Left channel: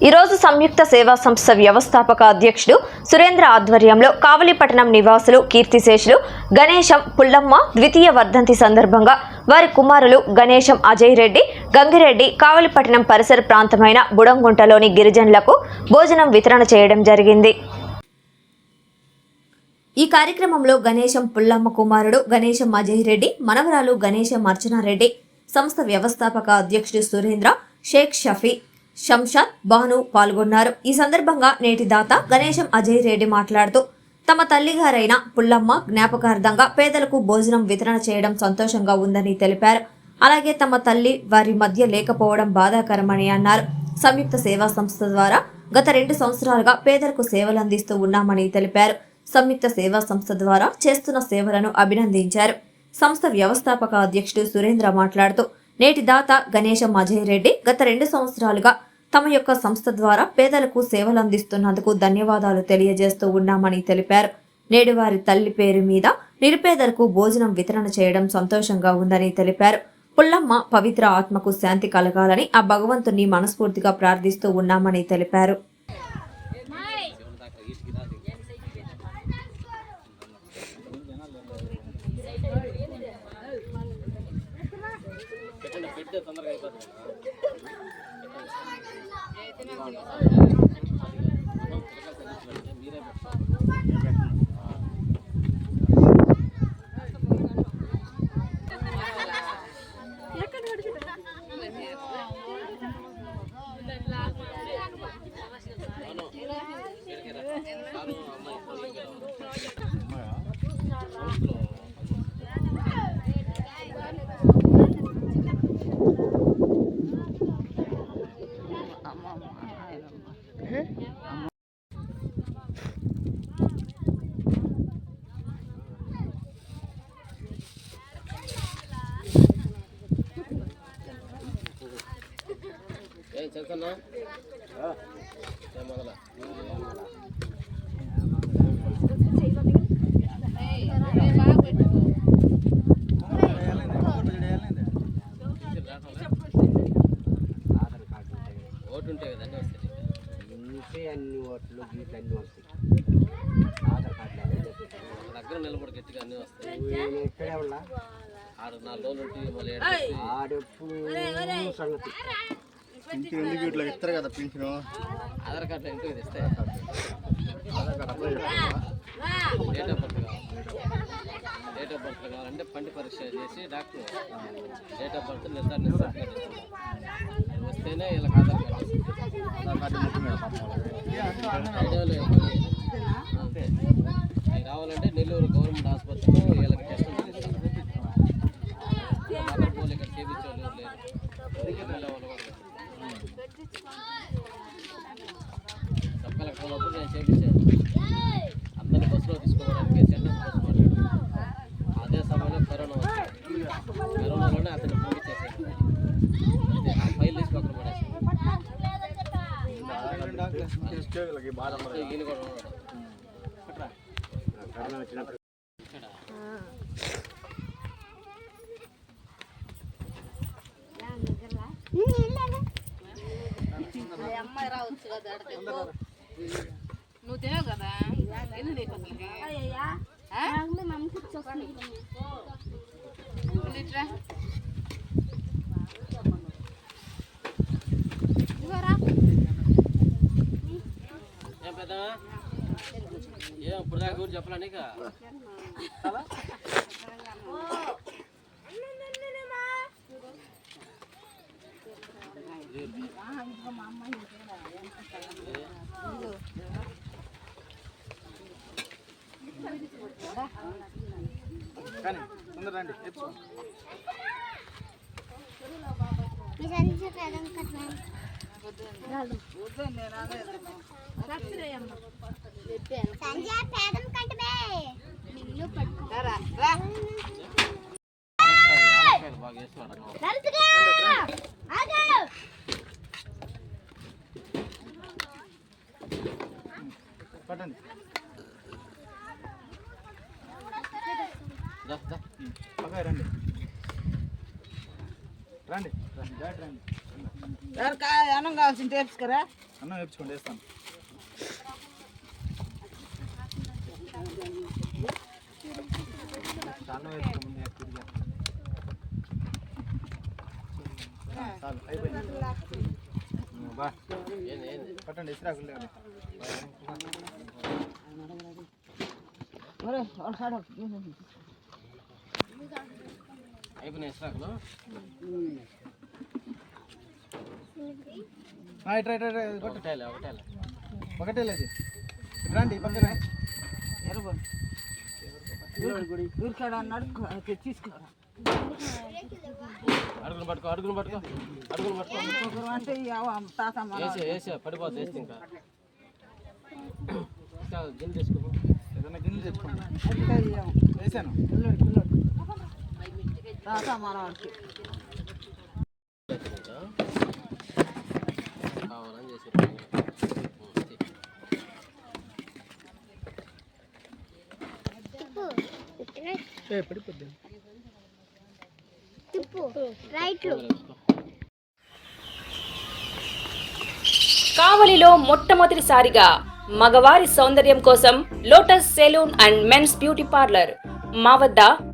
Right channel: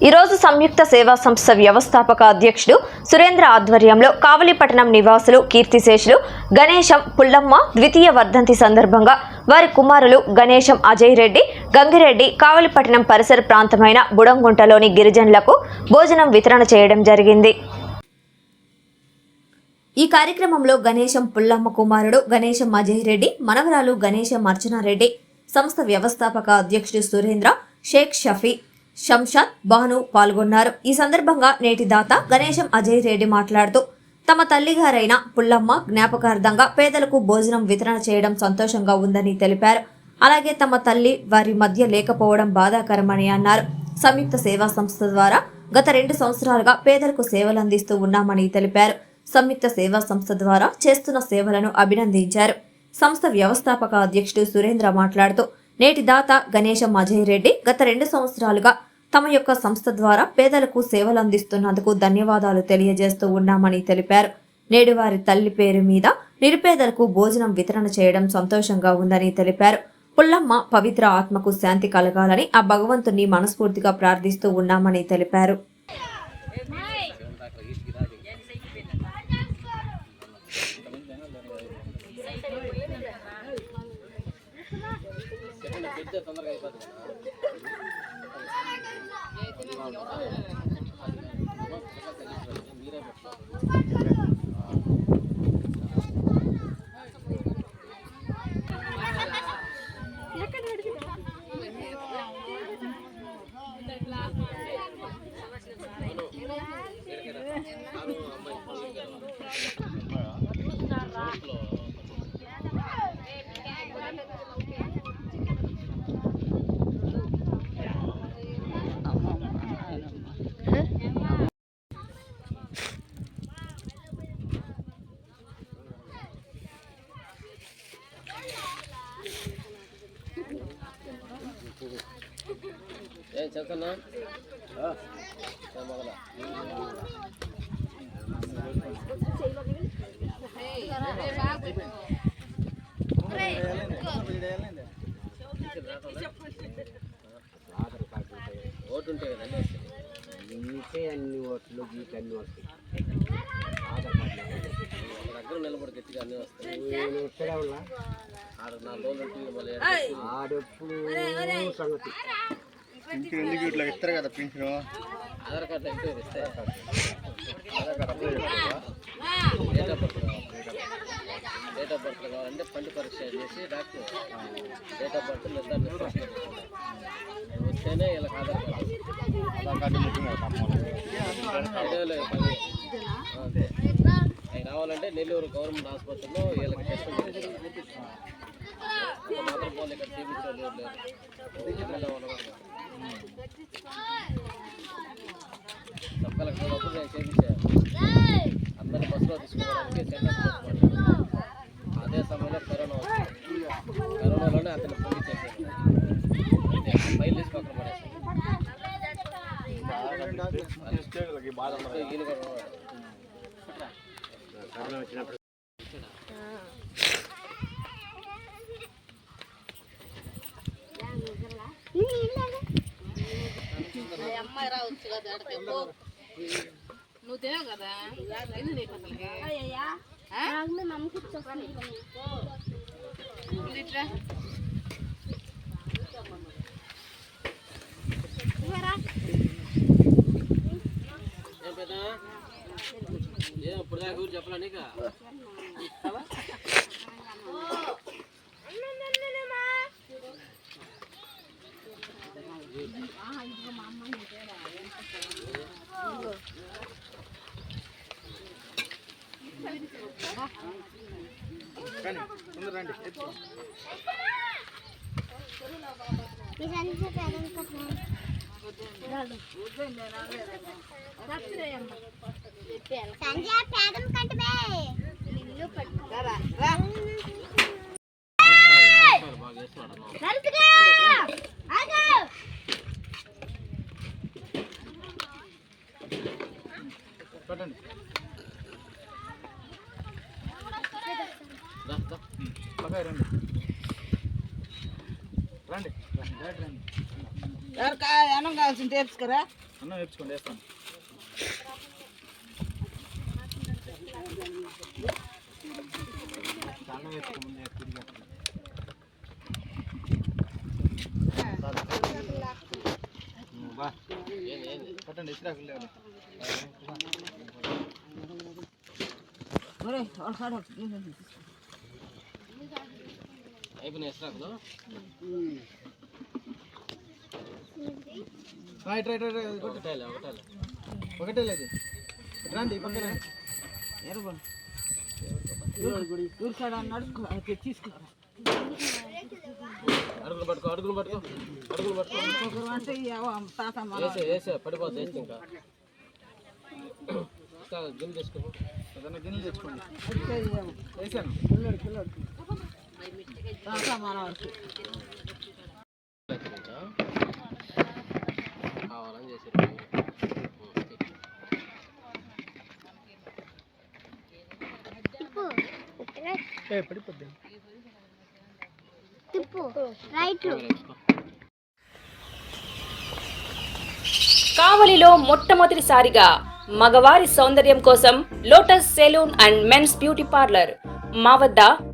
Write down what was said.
ఈరోజు సంయుక్త సేవా సంస్థ వ్యవస్థాపక అధ్యక్షుడు సురేంద్ర ఆధ్వర్యంలో కావలిపట్టణం నివాసులు కీర్తిశేషులు గణేశం పుల్లమ్మ ద్వితీయ వర్ధంతి సందర్భంగా వారి కుమారులు గణేశం అజయ్ రెడ్డి గంగిరెడ్డి కావలిపట్టణం పరిసర ప్రాంతమైన బుడంగుంటలోని గిరిజనులకు భోజనం వితరణ చేయడం జరిగింది. ఈ కార్యక్రమంలో గణేశం పుల్లమ్మ కుమారుడు గణేశం అజయ్ రెడ్డి మనవరాలు గణేశం అర్చనారెడ్డి సంస్థ వ్యవస్థాపక అధ్యక్షుడు సురేంద్ర షేక్ షఫీ శంషాద్ బాను పాల్గొన్నారు. ఈ సందర్భంగా నేటి దాత గణేశం అజయ్ రెడ్డి మాట్లాడుతూ తమ తల్లిగారైన పుల్లమ్మ జ్ఞాపకార్థంగా పేదలకు భోజనం వితరణ చేయడం సంతోషంగా ఉందని తెలిపారు. అలాగే తమ తల్లి వారి మధ్య లేకపోవడం బాధాకరమని అన్నారు. సంయుక్త సేవా సంస్థ ద్వారా గత రెండు సంవత్సరాలుగా పేదలకు సేవలు అందిస్తూ ఉన్నామని తెలిపారు. సంయుక్త సేవా సంస్థ ద్వారా చేస్తున్న సేవలను అభినందించారు. సంస్థ వ్యవస్థాపక అధ్యక్షుడు సురేంద్ర మాట్లాడుతూ నేటి దాత గణేశం అజయ్ రెడ్డి గత రెండు సంవత్సరాలుగా తమ యొక్క సంస్థ ద్వారా పేదలకు సేవలు అందిస్తున్నందుకు ధన్యవాదాలు తెలియజేస్తూ ఉన్నామని తెలిపారు. నేడు వారి తల్లి పేరు మీద నిరుపేదలకు భోజనం వితరణ చేయడం సంతోషంగా ఉందని తెలిపారు. పుల్లమ్మ పవిత్ర ఆత్మకు శాంతి కలగాలని ఆ భగవంతుని మనస్ఫూర్తిగా ప్రార్థిస్తూ ఉన్నామని తెలిపారు. ఏం చెప్తున్నా మొదల కదా నీకే అన్ని ఓట్లు గీట్లు అన్ని వస్తాయి ఆధార్ కార్డు దగ్గర నిలబడి గట్టిగా అన్నీ వస్తాయి నేను ఇక్కడే ఉన్నా ఆరు నాలుగు రోజులు ఉంటుంది మళ్ళీ ఆడెప్పుడు సంగతి? పింఛన్ ఎందుకు ఇట్లా ఇస్తారు కదా పింఛను? ఆధార్ కార్డు అయితే ఇస్తే date of birth date of birth కావాలంటే పండు పరీక్ష చేసి డాక్టర్ డేట్ ఆఫ్ బర్త్ నిర్ధారణ వస్తేనే వీళ్ళకి ఆధార్ కార్డు. ఆధార్ కార్డు. ఐడియాలో అవి రావాలంటే నెల్లూరు గవర్నమెంట్ హాస్పిటల్లో వీళ్ళకి టెస్ట్ సబ్ కలెక్టర్ ఉన్నప్పుడు నేను చేపించాను అందరిని బస్సులో తీసుకోవడానికి సెంటర్ అదే సమయంలో కరోనా వచ్చింది కరోనాలోనే అతను పూర్తి చేశాను ఫైల్ తీసి పక్కన పడేసాను కూడా ఉన్నాడు నువ్వు తినవు కదా? ఎందుకు నీకు అసలుకి? ఆ? ఇట్రా. ఏం పెద్ద? ఏం ఇప్పుడు దాకా ఊరు చెప్పలా నీకు? కానీ తొందర రండి ఎత్తు. వద్దు. బాగా చేస్తున్నాడు అన్న. పట్టండి దా, దా. అబ్బాయి రండి. రండి రండి అన్నం కావాల్సింది తెలుసుకరా అన్నం నేర్చుకోండి వేస్తాను అన్నం వేసుకో ముందే తిరిగా. బా. ఏంది ఏంది పట్టండి ఇసురా వెళ్ళండి అయిపోయినాయి ఇస్రాకులు రైట్ ఒకటే లేదు రండి అన్నాడు తీసుకోరా అడుగులు పట్టుకో అడుగులు పట్టుకో అడుగులు పట్టుకో. అంటే వేసే వేసే పడిపోతుంది వేస్తే ఇంకా. గిన్నెలు తెచ్చుకోండి. వేసాను. కావాలని చేసి పడిపోద్ది కావలిలో మొట్టమొదటిసారిగా మగవారి సౌందర్యం కోసం Lotus salon and men's beauty parlour మా వద్ద